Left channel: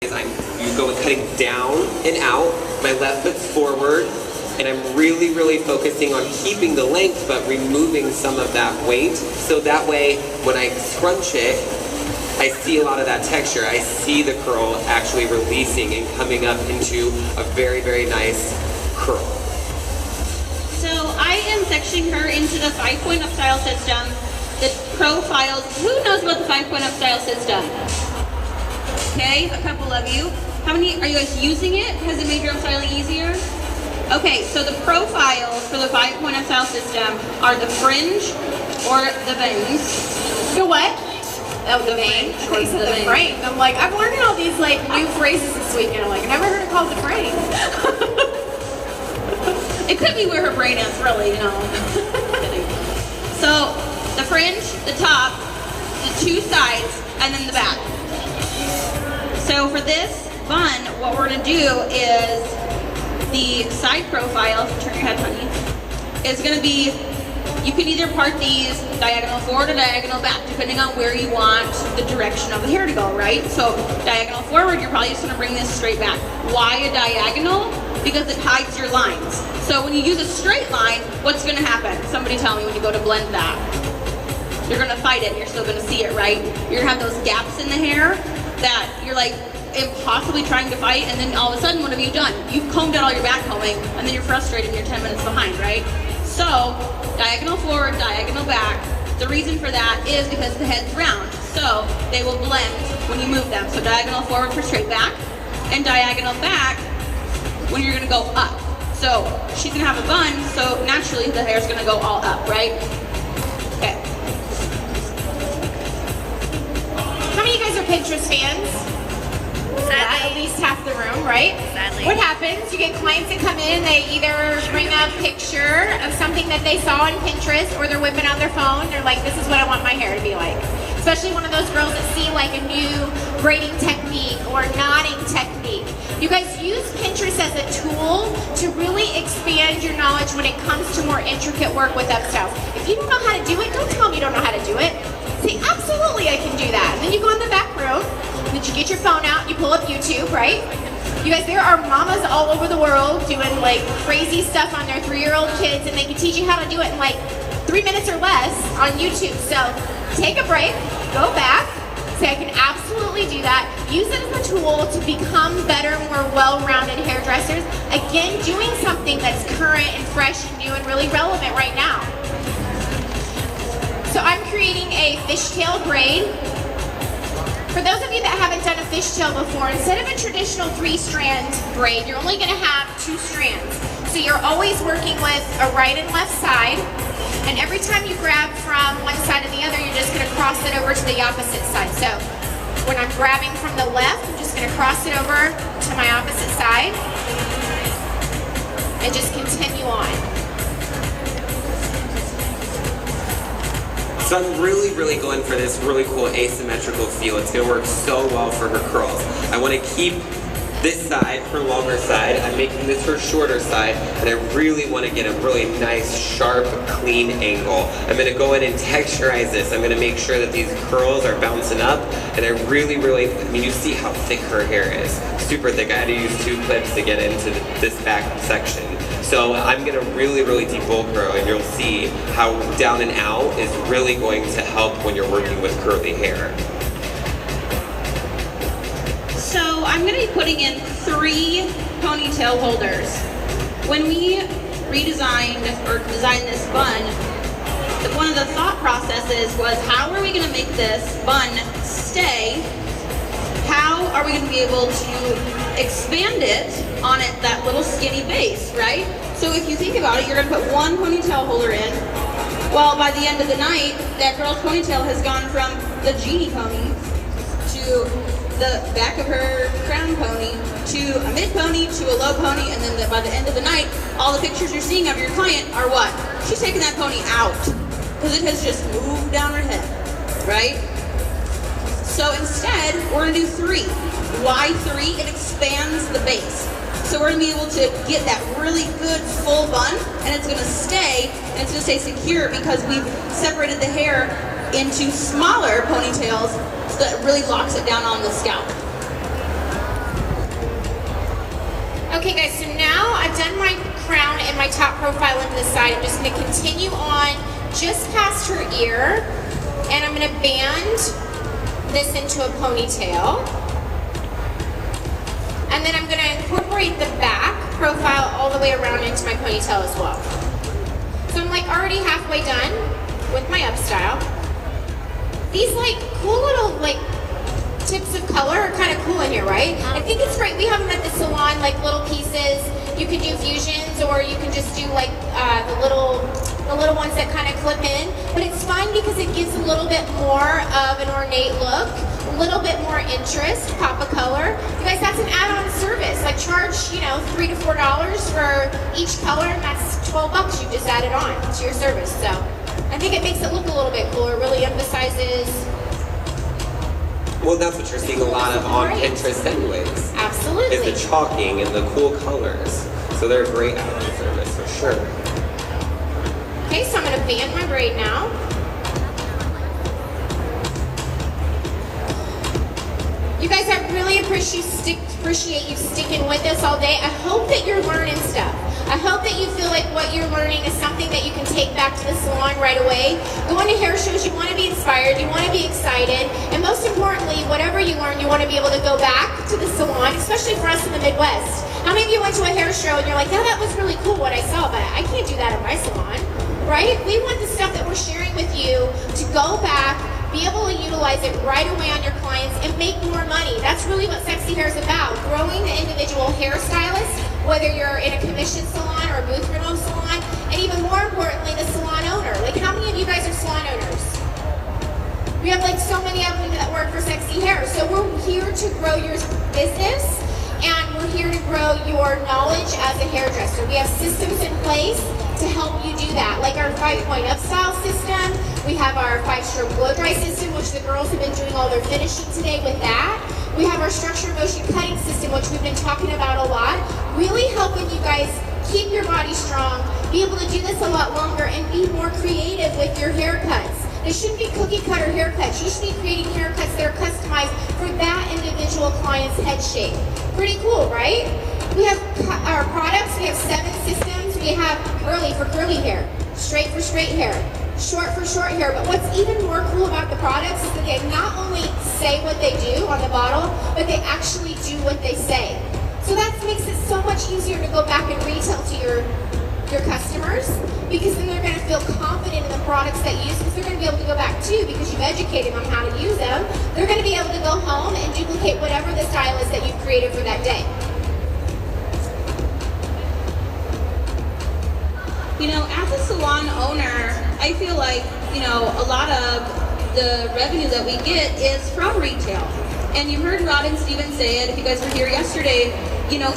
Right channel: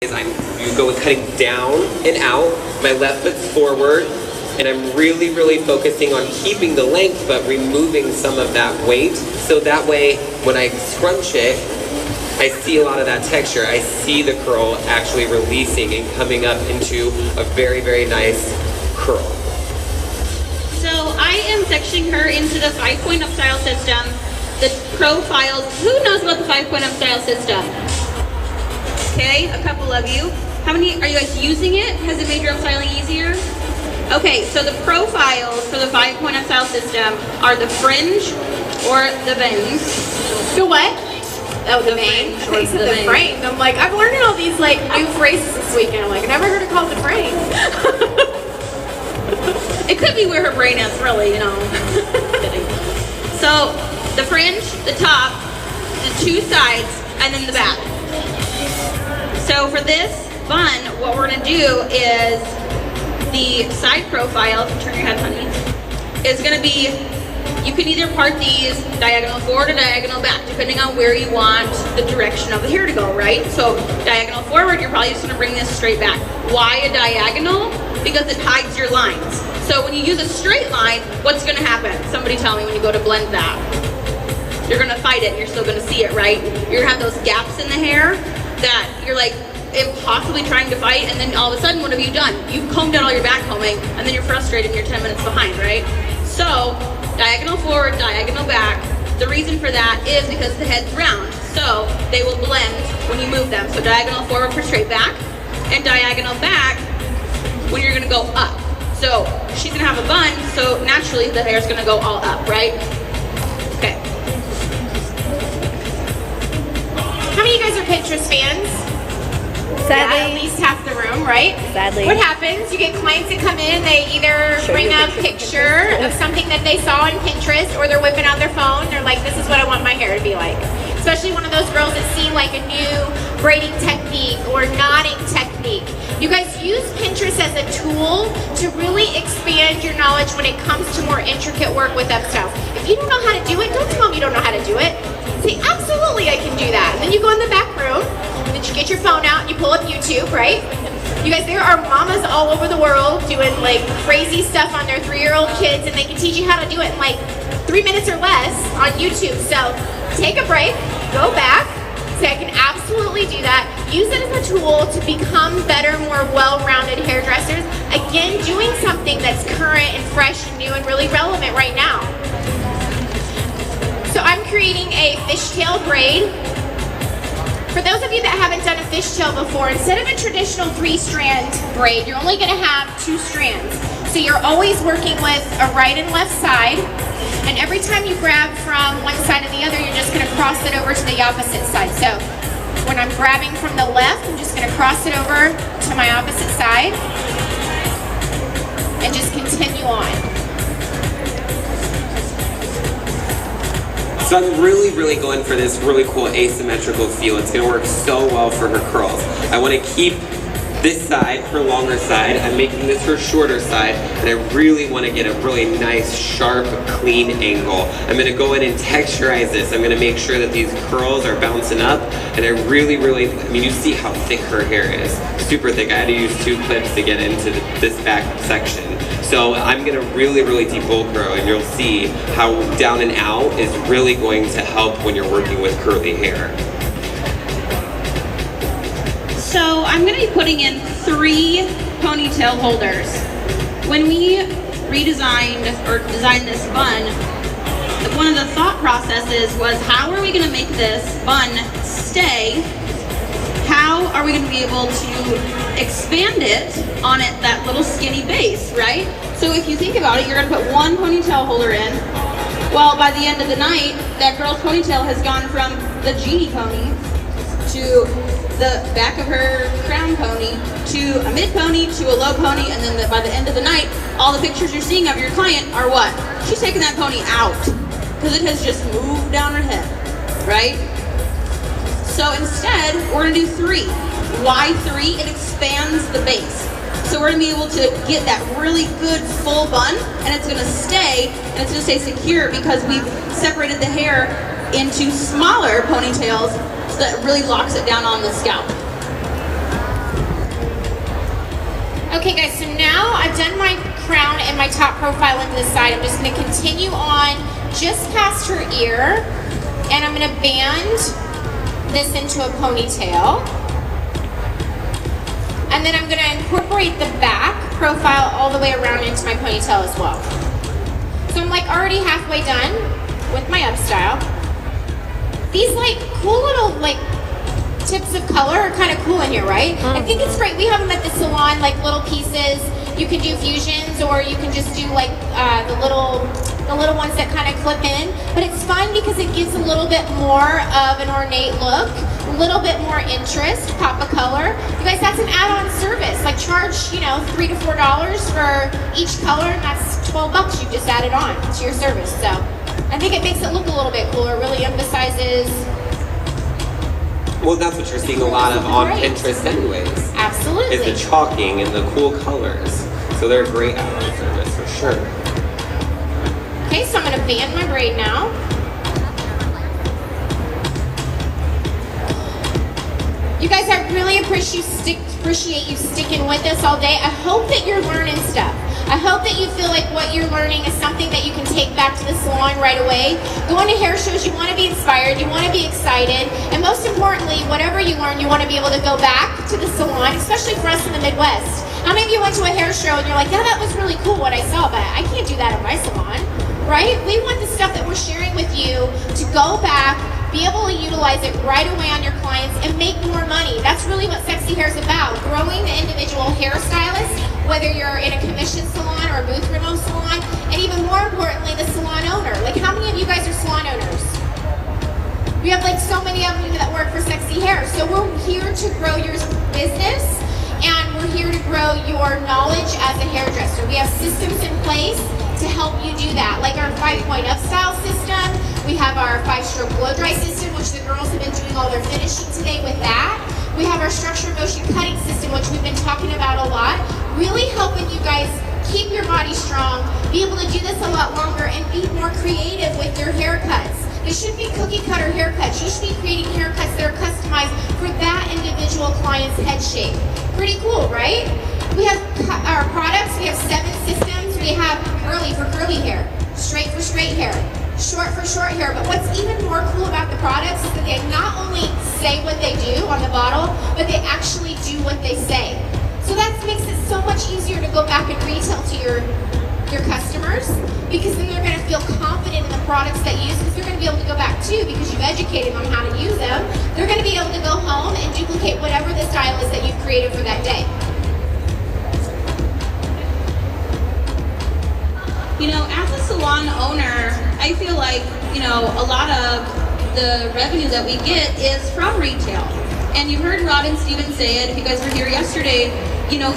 You go cutting down and out, my left foot's forward, and I'm really, really focusing on keeping the length, but removing some of that weight, so that way, when I scrunch it, I see a lot of that texture. I see the curl actually releasing and coming up into a very, very nice curl. So I am sectioning her into the 5-point up style system. The profiles, who knows about the 5-point up style system? Okay, a couple of you. How many, are you guys using it? Has it made your up styling easier? Okay, so the profiles for the 5-point up style system are the fringe or the bangs. The what? Oh, the bangs or the frame. I'm like, I'm learning all these like new phrases this weekend. I'm like, I never heard it called the frame. It could be where her brain is, really, you know. So the fringe, the top, the 2 sides, and then the back. So for this bun, what we're gonna do is the side profile, turn your head honey, is gonna be, you can either part these diagonal forward or diagonal back, depending on where you want the direction of the hair to go, right? So diagonal forward, you're probably just gonna bring this straight back. Why a diagonal? Because it hides your lines. So when you use a straight line, what's gonna happen? Somebody tell me when you go to blend that. You're gonna fight it and you're still gonna see it, right? You're gonna have those gaps in the hair that you're like impossibly trying to fight, and then all of a sudden, what have you done? You've combed out all your back combing, and then you're frustrated and you're 10 minutes behind, right? So, diagonal forward, diagonal back. The reason for that is because the head's round, so they will blend when you move them. So diagonal forward for straight back, and diagonal back when you're gonna go up. So, she's gonna have a bun, so naturally the hair's gonna go all up, right? Okay. How many of you guys are Pinterest fans? Sadly. Yeah, at least half the room, right? Sadly. What happens? You get clients that come in and they either bring a picture of something that they saw on Pinterest, or they're whipping out their phone. They're like, this is what I want my hair to be like. Especially one of those girls that see like a new braiding technique or knotting technique. You guys use Pinterest as a tool to really expand your knowledge when it comes to more intricate work with upstyles. If you don't know how to do it, don't tell me you don't know how to do it. See, absolutely I can do that. And then you go in the back room, that you get your phone out and you pull up YouTube, right? You guys, there are mamas all over the world doing like crazy stuff on their 3-year-old kids, and they can teach you how to do it in like 3 minutes or less on YouTube. So take a break, go back, say I can absolutely do that. Use it as a tool to become better, more well-rounded hairdressers. Again, doing something that's current and fresh and new and really relevant right now. So I'm creating a fishtail braid. For those of you that haven't done a fishtail before, instead of a traditional 3-strand braid, you're only going to have 2 strands. So you're always working with a right and left side, and every time you grab from one side to the other, you're just going to cross it over to the opposite side. So when I'm grabbing from the left, I'm just going to cross it over to my opposite side and just continue on. So I'm really, really going for this really cool asymmetrical feel. It's gonna work so well for her curls. I wanna keep this side, her longer side. I'm making this her shorter side, and I really wanna get a really nice, sharp, clean angle. I'm gonna go in and texturize this. I'm gonna make sure that these curls are bouncing up, and I really, I mean, you see how thick her hair is. Super thick. I had to use 2 clips to get into this back section. So I'm gonna really debulk her, and you'll see how down and out is really going to help when you're working with curly hair. So I'm going to be putting in 3 ponytail holders. When we redesigned or designed this bun, one of the thought processes was, how are we going to make this bun stay? How are we going to be able to expand it on that little skinny base, right? So if you think about it, you're going to put 1 ponytail holder in. Well, by the end of the night, that girl's ponytail has gone from the genie pony to the back of her crown pony to a mid pony to a low pony, and then by the end of the night, all the pictures you're seeing of your client are what? She's taking that pony out because it has just moved down her head, right? So instead, we're gonna do 3. Why 3? It expands the base. So we're gonna be able to get that really good full bun, and it's gonna stay, and it's gonna stay secure because we've separated the hair into smaller ponytails so that really locks it down on the scalp. crown and my top profile into the side. I'm just going to continue on just past her ear, and I'm going to band this into a ponytail. And then I'm going to incorporate the back profile all the way around into my ponytail as well. So I'm like already halfway done with my up style. These like cool little like tips of color are kind of cool in here, right? I think it's great. We have them at the salon, like little pieces. You can do fusions, or you can just do like the little ones that kind of clip in. But it's fun because it gives a little bit more of an ornate look, a little bit more interest, pop of color. You guys, that's an add-on service. Like charge, you know, $3 to $4 for each color, and that's $12 you just added on to your service. So I think it makes it look a little bit cooler. It really emphasizes. Well, that's what you're seeing a lot of on Pinterest anyways. Absolutely. Is the chalking and the cool colors. So they're a great add-on service for sure. Okay, so I'm going to band my braid now. You guys, I really appreciate you sticking with us all day. I hope that you're learning stuff. I hope that you feel like what you're learning is something that you can take back to the salon right away. Going to hair shows, you want to be inspired, you want to be excited, and most importantly, whatever you learn, you want to be able to go back to the salon, especially for us in the Midwest. How many of you went to a hair show and you're like, yeah, that was really cool what I saw, but I can't do that in my salon, right? We want the stuff that we're sharing with you to go back, be able to utilize it right away on your clients, and make more money. That's really what Sexy Hair is about, growing the individual hairstylist, whether you're in a commission salon or a booth remote salon, and even more importantly, the salon owner. Like, how many of you guys are salon owners? We have like so many of them that work for Sexy Hair. So we're here to grow your business, and we're here to grow your knowledge as a hairdresser. We have systems in place to help you do that, like our 5-point up style system. We have our 5-stroke blow dry system, which the girls have been doing all their finishing today with that. We have our structure motion cutting system, which we've been talking about a lot, really helping you guys keep your body strong, be able to do this a lot longer, and be more creative with your haircuts. They shouldn't be cookie cutter haircuts. You should be creating haircuts that are customized for that individual client's head shape. Pretty cool, right? We have our products. We have 7 systems. We have curly for curly hair, straight for straight hair, short for short hair. But what's even more cool about the products is that they not only say what they do on the bottle, but they actually do what they say. So that makes it so much easier to go back and retail to your customers, because then they're going to feel confident in the products that you use, because they're going to be able to go back too, because you've educated them on how to use them. They're going to be able to go home and duplicate whatever the style is that you've created for that day. You know, as a salon owner, I feel like, you know, a lot of the revenue that we get is from retail. And you heard Rob and Steven say it, if you guys were here yesterday, you know,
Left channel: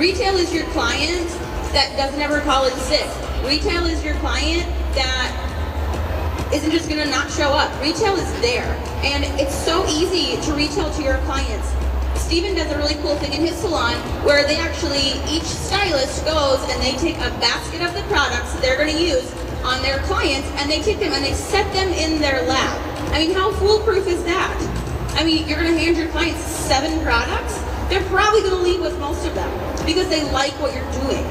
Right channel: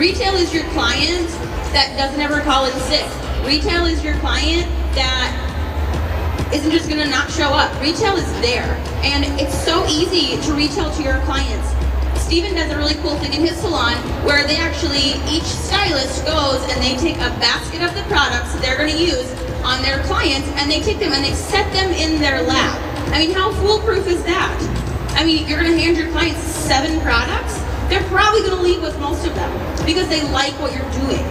retail is your client that doesn't ever call in sick. Retail is your client that isn't just gonna not show up. Retail is there. And it's so easy to retail to your clients. Steven does a really cool thing in his salon where they actually, each stylist goes and they take a basket of the products that they're going to use on their clients, and they take them and they set them in their lab. I mean, how foolproof is that? I mean, you're going to hand your clients 7 products? They're probably going to leave with most of them because they like what you're doing.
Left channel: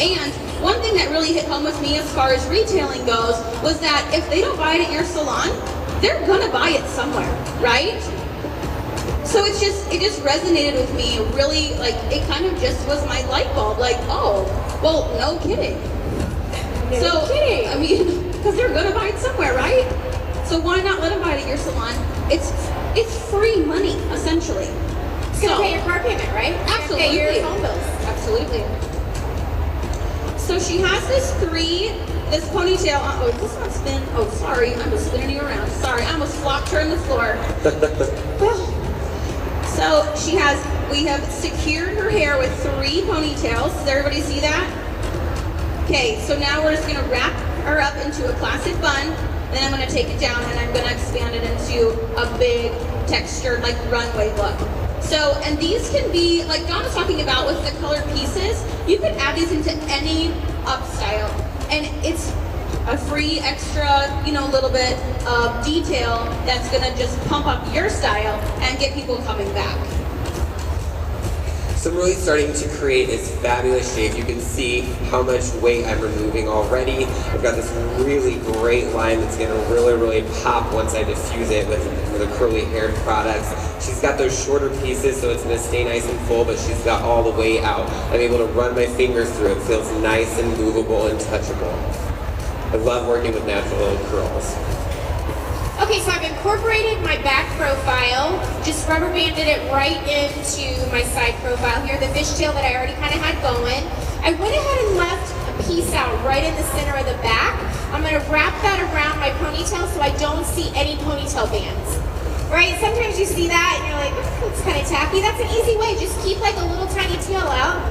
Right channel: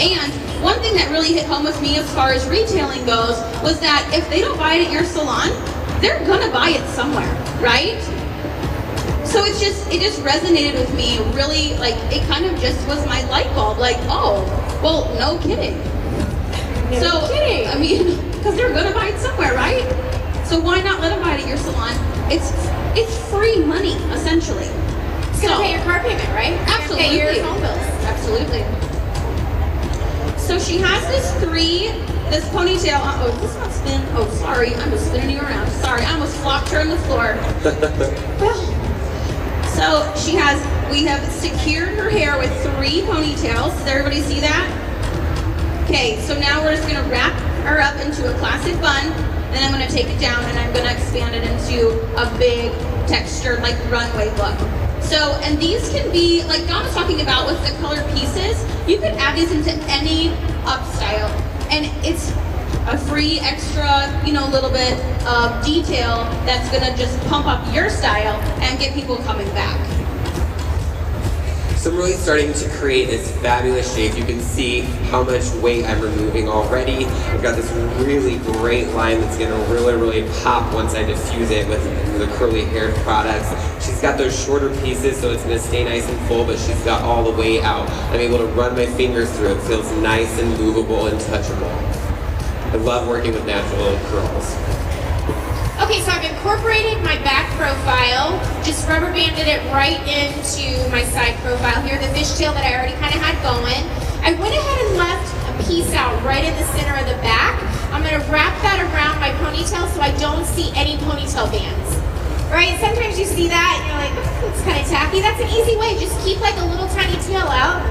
And one thing that really hit home with me as far as retailing goes was that if they don't buy it at your salon, they're going to buy it somewhere, right? So it just resonated with me really, like, it kind of just was my light bulb, like, oh, well, no kidding. No kidding. I mean, because they're gonna buy it somewhere, right? So why not let them buy it at your salon? It's free money, essentially. So pay your car payment, right? Absolutely. Pay your phone bills. Absolutely. So she has this ponytail. Oh, this not spin. Oh, sorry, I'm just spinning you around. Sorry, I almost flopped her on the floor. So we have secured her hair with 3 ponytails. Does everybody see that? Okay, so now we're just gonna wrap her up into a classic bun, and then I'm gonna take it down and I'm gonna expand it into a big textured, like, runway look. So, and these can be, like Dawn was talking about with the colored pieces, you can add these into any up style, and it's a free extra, you know, little bit of detail that's gonna just pump up your style and get people coming back. So I'm really starting to create this fabulous shape. You can see how much weight I'm removing already. I've got this really great line that's gonna really pop once I diffuse it with the curly haired products. She's got those shorter pieces, so it's gonna stay nice and full, but she's got all the way out. I'm able to run my fingers through it. It feels nice and movable and touchable. I love working with natural little curls. Okay, so I've incorporated my back profile, just rubber banded it right into my side profile here, the fishtail that I already kind of had going. I went ahead and left a piece out right in the center of the back. I'm going to wrap that around my ponytail so I don't see any ponytail bands. Right? Sometimes you see that and you're like, it's kind of tacky. That's an easy way. Just keep like a little tiny tail out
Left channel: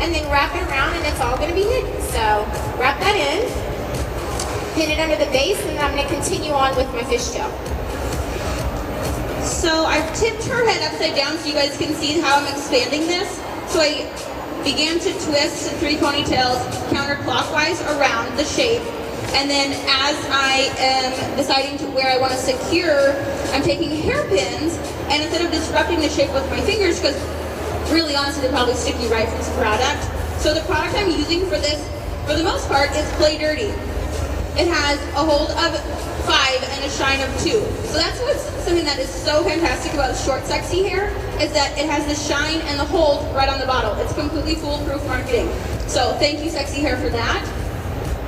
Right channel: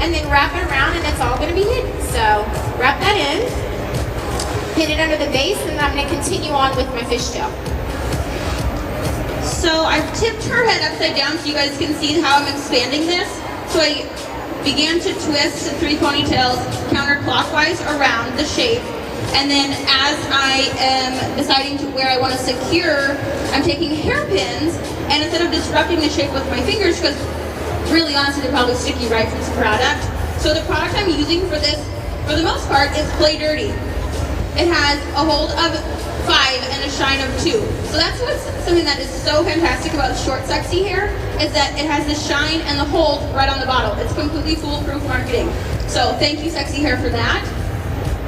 and then wrap it around and it's all going to be hidden. So wrap that in. Pin it under the base, and I'm going to continue on with my fishtail. So I've tipped her head upside down so you guys can see how I'm expanding this. So I began to twist the 3 ponytails counterclockwise around the shape. And then as I am deciding to where I want to secure, I'm taking hairpins, and instead of disrupting the shape with my fingers, because really honestly they're probably sticky right from this product. So the product I'm using for this, for the most part, is Play Dirty. It has a hold of 5 and a shine of 2. So that's what's something that is so fantastic about short, sexy hair, is that it has the shine and the hold right on the bottle. It's completely foolproof marketing. So thank you, Sexy Hair, for that.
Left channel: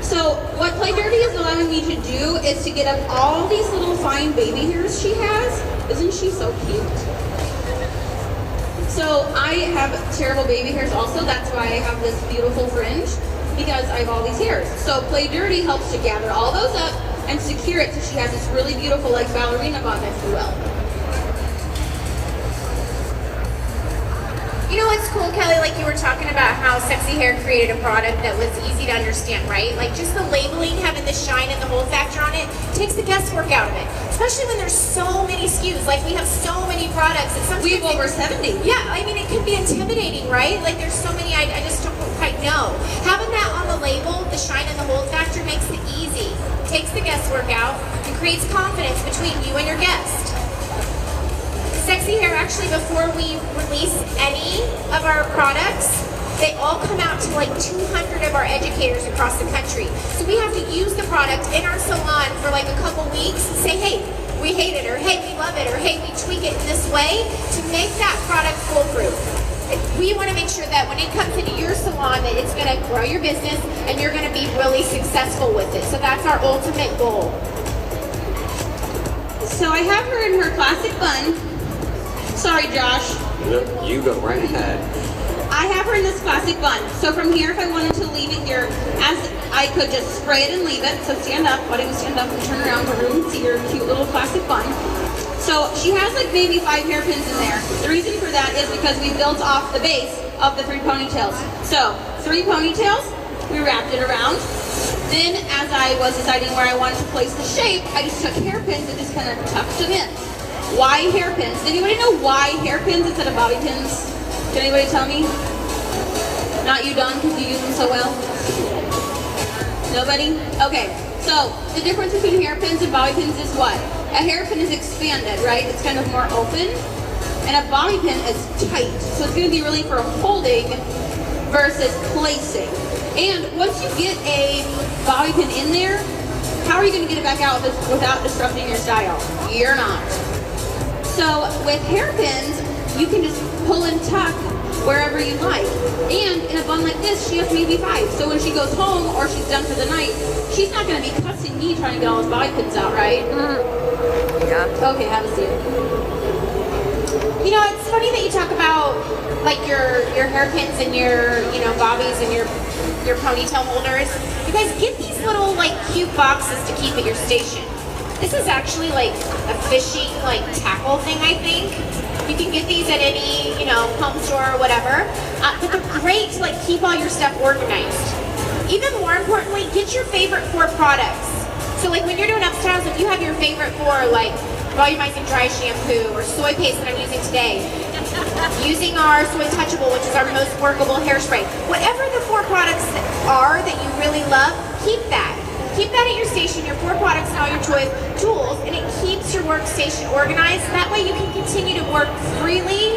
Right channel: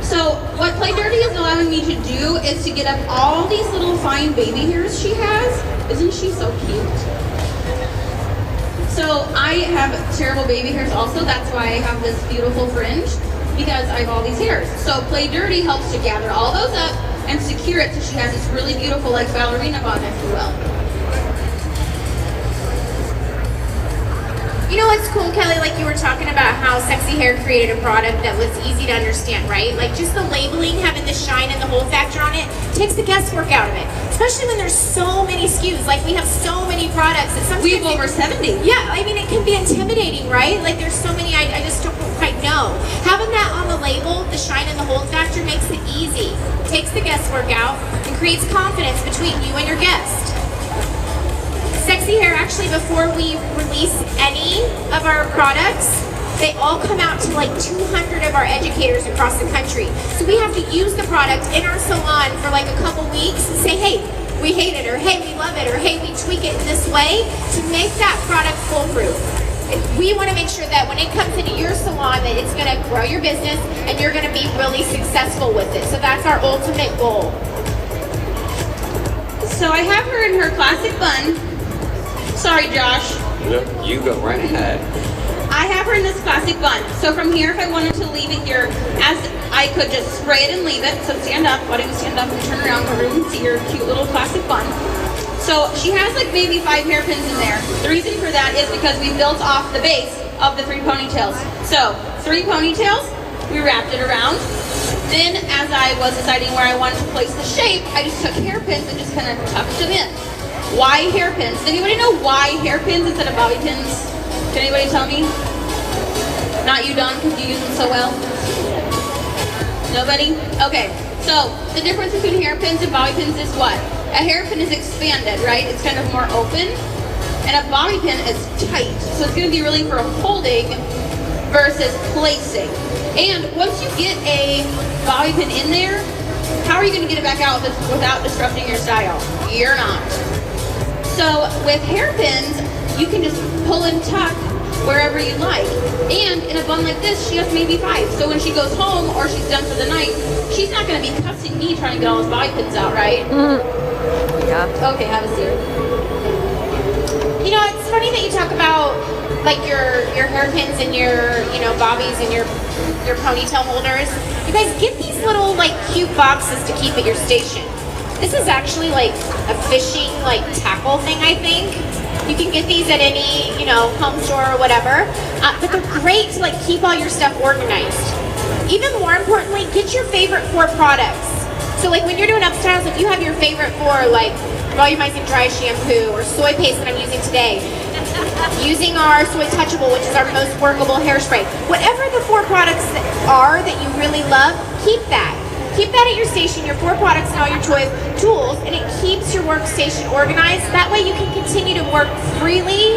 So what Play Dirty is allowing me to do is to get up all these little fine baby hairs she has. Isn't she so cute? So I have terrible baby hairs also. That's why I have this beautiful fringe, because I have all these hairs. So Play Dirty helps to gather all those up and secure it so she has this really beautiful like ballerina bun, if you will. You know what's cool, Kelly? Like you were talking about how Sexy Hair created a product that was easy to understand, right? Like just the labeling, having the shine and the hold factor on it, takes the guesswork out of it. Especially when there's so many SKUs. Like we have so many products. We have over 70. Yeah, I mean it can be intimidating, right? Like there's so many, I just don't quite know. Having that on the label, the shine and the hold factor, makes it easy. Takes the guesswork out and creates confidence between you and your guest. Sexy Hair, actually, before we release any of our products, they all come out to like 200 of our educators across the country. So we have to use the product in our salon for like a couple weeks and say, hey, we hate it, or hey, we love it, or hey, we tweak it this way to make that product foolproof. We want to make sure that when it comes into your salon that it's going to grow your business and you're going to be really successful with it. So that's our ultimate goal. So I have her in her classic bun. Sorry, Josh. No, you go right ahead. I have her in this classic bun. So from here, if I wanted to leave it here, as I could just spray it and leave it. So stand up. Why don't you stand up and turn around so everyone can see your cute little classic bun. So she has like maybe 5 hairpins in there. The reason for that is because we built off the base of the 3 ponytails. So 3 ponytails, we wrapped it around. Then as I was deciding where I wanted to place the shape, I just took hairpins and just kind of tucked them in. Why hairpins? Does anybody know why hairpins instead of bobby pins? Can anybody tell me? Not you, Don, because you use them so well. Nobody? Okay. So the difference between hairpins and bobby pins is what? A hairpin is expanded, right? It's kind of more open. And a bobby pin is tight. So it's going to be really for holding versus placing. And once you get a bobby pin in there, how are you going to get it back out without disrupting your style? You're not. So with hairpins, you can just pull and tuck wherever you like. And in a bun like this, she has maybe 5. So when she goes home or she's done for the night, she's not going to be cussing me trying to get all those bobby pins out, right? Yeah. Okay, have a seat. You know, it's funny that you talk about like your hairpins and your bobbies and your ponytail holders. You guys get these little like cute boxes to keep at your station. This is actually like a fishing like tackle thing, I think. You can get these at any home store or whatever. But they're great to like keep all your stuff organized. Even more importantly, get your favorite 4 products. So like when you're doing upstyles, if you have your favorite 4 like volumizing dry shampoo or soy paste that I'm using today, using our Soy Touchable, which is our most workable hairspray. Whatever the 4 products are that you really love, keep that. keep that at your station, your 4 products and all your tools, and it keeps your workstation organized. That way you can continue to work freely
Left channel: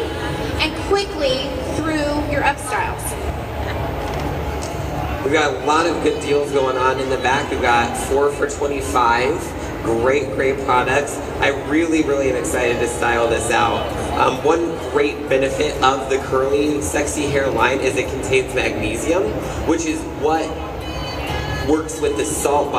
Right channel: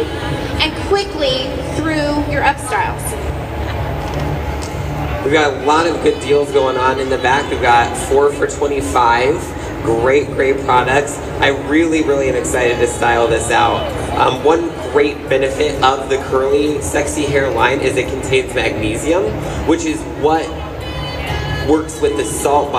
and quickly through your up styles. We've got a lot of good deals going on in the back. We've got 4 for $25. Great products. I really am excited to style this out. One great benefit of the curly sexy hair line is it contains magnesium, which is what works with the salt